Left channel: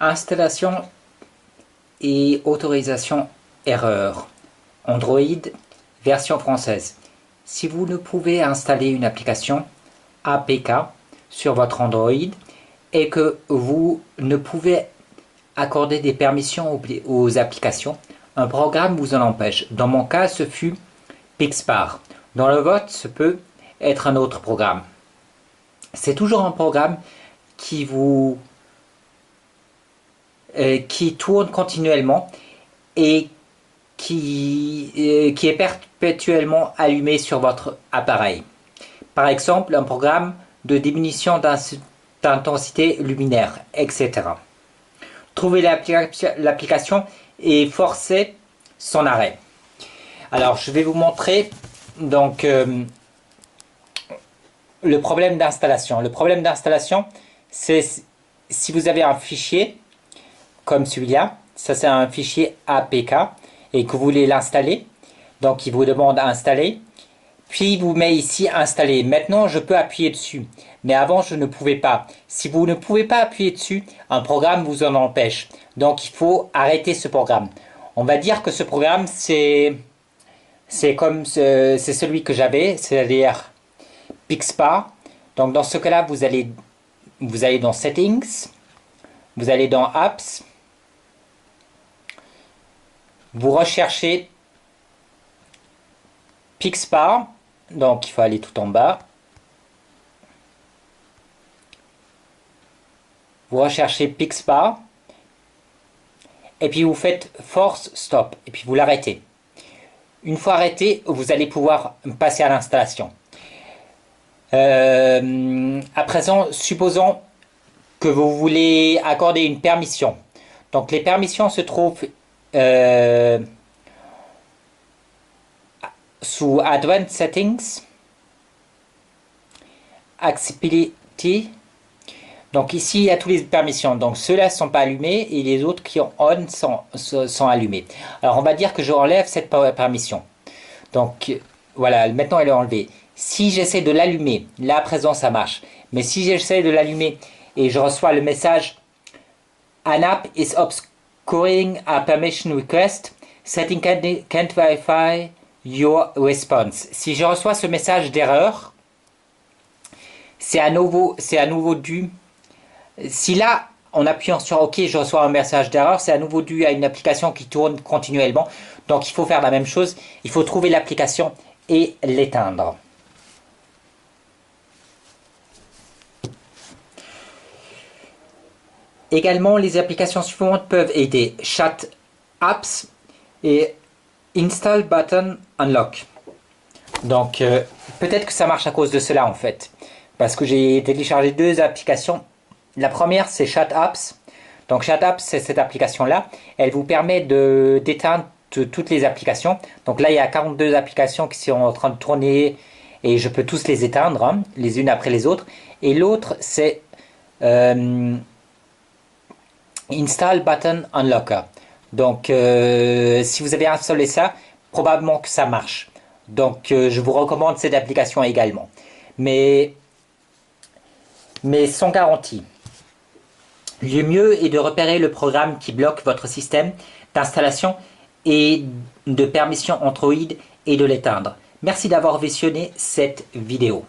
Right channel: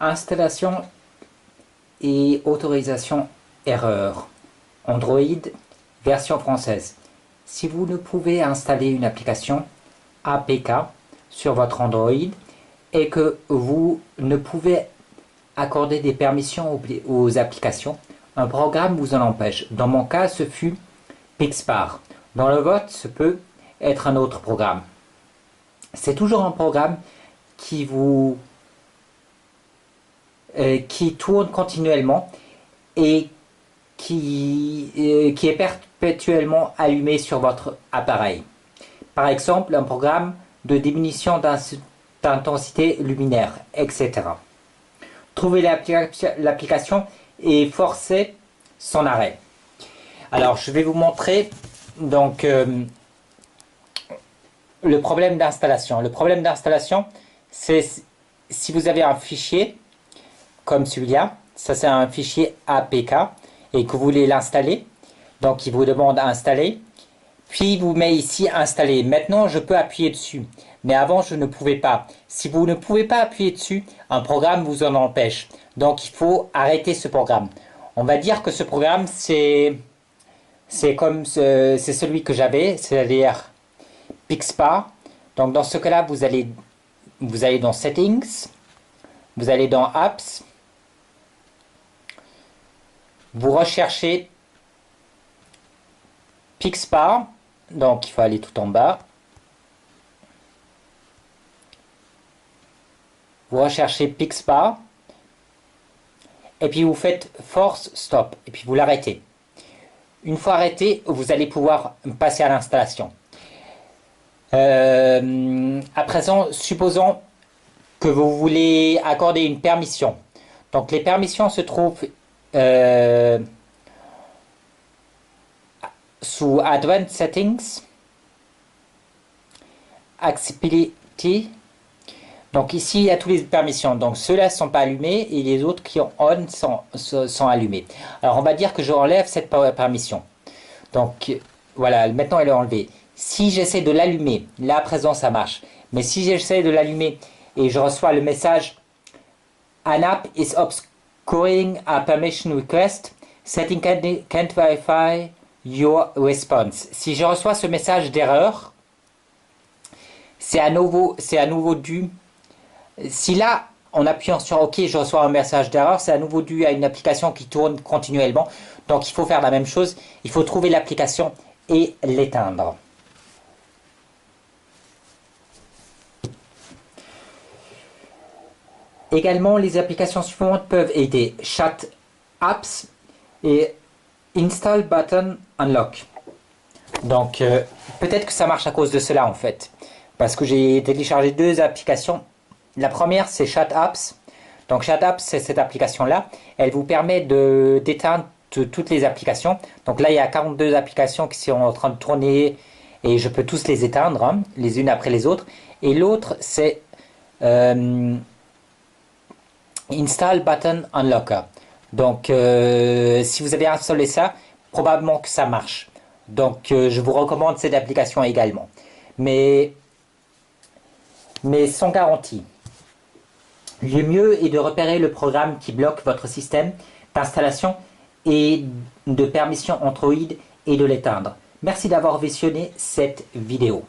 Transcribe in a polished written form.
Installation et autorisation erreur. Android, version française. Si vous ne pouvez installer une application APK sur votre Android et que vous ne pouvez accorder des permissions aux applications, un programme vous en empêche. Dans mon cas, ce fut Pixpar. Dans le vote, ce peut être un autre programme. C'est toujours un programme qui tourne continuellement et qui est perpétuellement allumé sur votre appareil. Par exemple, un programme de diminution d'intensité luminaire, etc. Trouver l'application et forcer son arrêt. Alors, je vais vous montrer donc le problème d'installation. Le problème d'installation, c'est si vous avez un fichier comme celui-là, ça c'est un fichier APK, et que vous voulez l'installer, donc il vous demande à installer, puis il vous met ici installer. Maintenant je peux appuyer dessus, mais avant je ne pouvais pas. Si vous ne pouvez pas appuyer dessus, un programme vous en empêche, donc il faut arrêter ce programme. On va dire que ce programme c'est celui que j'avais, c'est-à-dire Pixpar. Donc dans ce cas-là, vous allez dans Settings, vous allez dans Apps, vous recherchez Pixpar, donc il faut aller tout en bas. Vous recherchez Pixpar, et puis vous faites Force Stop, et puis vous l'arrêtez. Une fois arrêté, vous allez pouvoir passer à l'installation. À présent, supposons que vous voulez accorder une permission. Donc les permissions se trouvent sous Advanced Settings, Accessibility. Donc ici, il y a toutes les permissions. Donc ceux-là ne sont pas allumés et les autres qui ont on sont allumés. Alors on va dire que je enlève cette permission. Donc voilà, maintenant elle est enlevée. Si j'essaie de l'allumer, là à présent ça marche. Mais si j'essaie de l'allumer et je reçois le message An app is obscuring a permission request, setting can't verify your response. Si je reçois ce message d'erreur, c'est à nouveau dû. Si là, en appuyant sur OK, je reçois un message d'erreur, c'est à nouveau dû à une application qui tourne continuellement. Donc il faut faire la même chose. Il faut trouver l'application et l'éteindre. Également, les applications suivantes peuvent aider Chat Apps et Install Button Unlock. Donc, peut-être que ça marche à cause de cela en fait. Parce que j'ai téléchargé deux applications. La première, c'est Chat Apps. Donc, Chat Apps, c'est cette application-là. Elle vous permet d'éteindre toutes les applications. Donc là, il y a 42 applications qui sont en train de tourner et je peux tous les éteindre, hein, les unes après les autres. Et l'autre, c'est Install Button Unlocker. Donc, si vous avez installé ça, probablement que ça marche. Donc, je vous recommande cette application également. Mais sans garantie. Le mieux est de repérer le programme qui bloque votre système d'installation et de permission Android et de l'éteindre. Merci d'avoir visionné cette vidéo.